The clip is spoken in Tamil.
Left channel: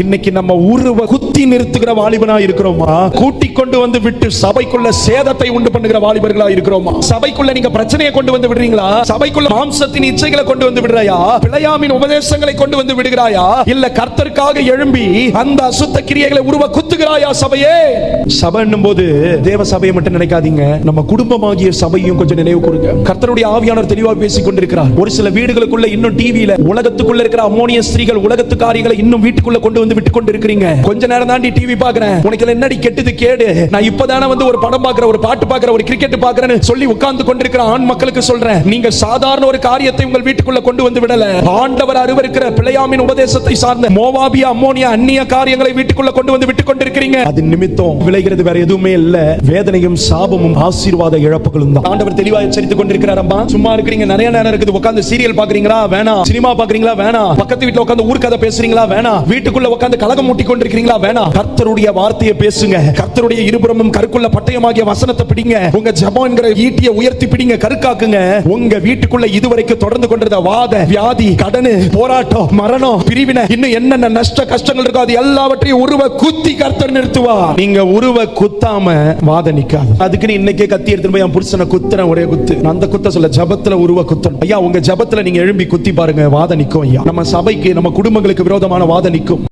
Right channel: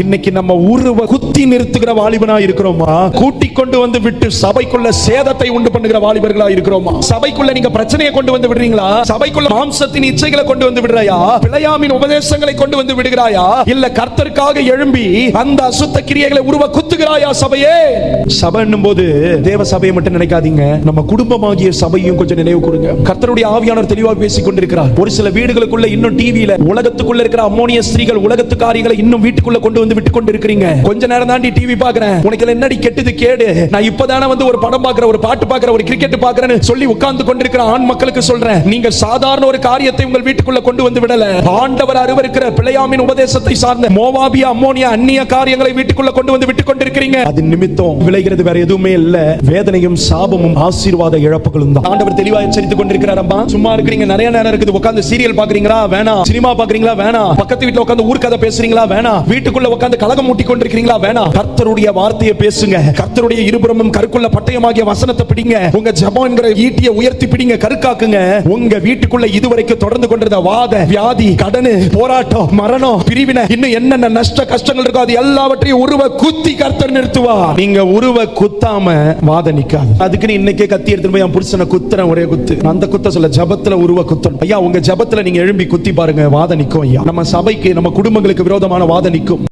இன்னைக்கு நம்ம உருவ குத்தி நிறுத்துகிற வாலிபனா இருக்கிறோமா? கூட்டிக் கொண்டு வந்து விட்டு சபைக்குள்ள சேதத்தை உண்டு பண்ணுகிற வாலிபர்களா இருக்கிறோமா? சபைக்குள்ள நீங்க பிரச்சனையை கொண்டு வந்து விடுறீங்களா? சபைக்குள்ள மாம்சத்தின் இச்சைகளை கொண்டு வந்து விடுறாயா? பிழையாமின் உபதேசங்களை கொண்டு வந்து விடுகிறாயா? இல்ல கர்த்தருக்காக எழும்பி அந்த அசுத்த கிரியைகளை உருவ குத்துகிறாயா? சபையே, சபை என்னும் போது தேவ சபையை மட்டும் நினைக்காதீங்க, நம்ம குடும்பமாகிய சபையும் கொஞ்சம் நினைவு கூறுங்க. கர்த்தருடைய ஆவியானவர் தெளிவாக பேசிக் கொண்டிருக்கிறார். ஒரு சில வீடுகளுக்குள்ள இன்னும் டிவியில உலகத்துக்குள்ள இருக்கிற அம்மோனிய ஸ்திரீகள் உலகத்துக்காரிகளை இன்னும் வீட்டுக்குள்ள கொண்டு வந்து விட்டு கொண்டு இருக்கிறீங்க. கொஞ்ச நேரம் தான் டிவி பாக்குறேன், உனக்கு என்னடி கெட்டது கேடு, நான் இப்பதானே வந்து ஒரு படம் பாக்குறேன், ஒரு பாட்டு பாக்குறேன், ஒரு கிரிக்கெட் பாக்குறேன்னு சொல்லி உட்கார்ந்து கொண்டிருக்கிற ஆண் மக்களுக்கு சொல்றேன், நீங்க சாதாரண ஒரு காரியத்தை உங்கள் வீட்டுக்குள்ள கொண்டு வந்து விடல. ஆண்டவர் அருவருக்கிற பிழையாமின் உபதேசத்தை சார்ந்த மோவாபிய அம்மோனிய அந்நிய காரியங்களை வீட்டுக்குள்ள கொண்டு வந்து விட்டு கொண்டிருக்கிறீங்க. அது நிமித்தம் விளைகிறது வேற எதுவுமே இல்ல, வேதனையும் சாபமும் ஆசீர்வாத இழப்புகளும் தான். ஆண்டவர் தெளிவாக எச்சரித்துக் கொண்டிருக்கிறார். அம்மா சும்மா இருக்கிறீங்க, நிறைய நேரம் இருக்குது, உட்கார்ந்து சீரியல் பாக்குறீங்களா? வேணாம். சினிமா பாக்குறீங்களா? வேணாம். பக்கத்து வீட்டுல உட்கார்ந்து ஊர்க்கதை பேசுறீங்களா? வேணாம். வீட்டுக்குள்ள உட்கார்ந்து கலகம் மூட்டி கொண்டிருக்கிறீங்களா? வேணாம். கர்த்தருடைய வார்த்தையை பேசுங்க. கர்த்தருடைய இருபுறமும் கற்குள்ள பட்டயமாகிய வசனத்தை பிடிங்க. உங்க ஜெபம் என்கிற ஈட்டியை உயர்த்தி பிடிங்க, கருக்காக்குங்க. உங்க வீட்டுக்குள்ள இதுவரைக்கும் தொடர்ந்து கொண்டிருந்த வாத, வியாதி, கடன், போராட்டம், மரணம், பிரிவினை, இன்னும் என்னென்ன நஷ்ட கஷ்டங்கள் இருக்கோ அது எல்லாவற்றையும் உருவ குத்தி கர்த்தர் நிறுத்துவார். நீங்க உருவ குத்தாம வாத நிக்காது. அதுக்கு இன்னைக்கே கத்தி எடுத்து போய் என் புருஷனை குத்துற ஒரே குத்து. அந்த குத்த சொல்ல ஜபத்துல உருவ குத்த. ஐயா, உங்க ஜபத்துல நீங்க எழும்பி குத்தி பாருங்க, வாத நிக்கும். ஐயா, நம்ம சபைக்கு நம்ம குடும்பங்களுக்கு விரோதமான வாத நிக்கும்.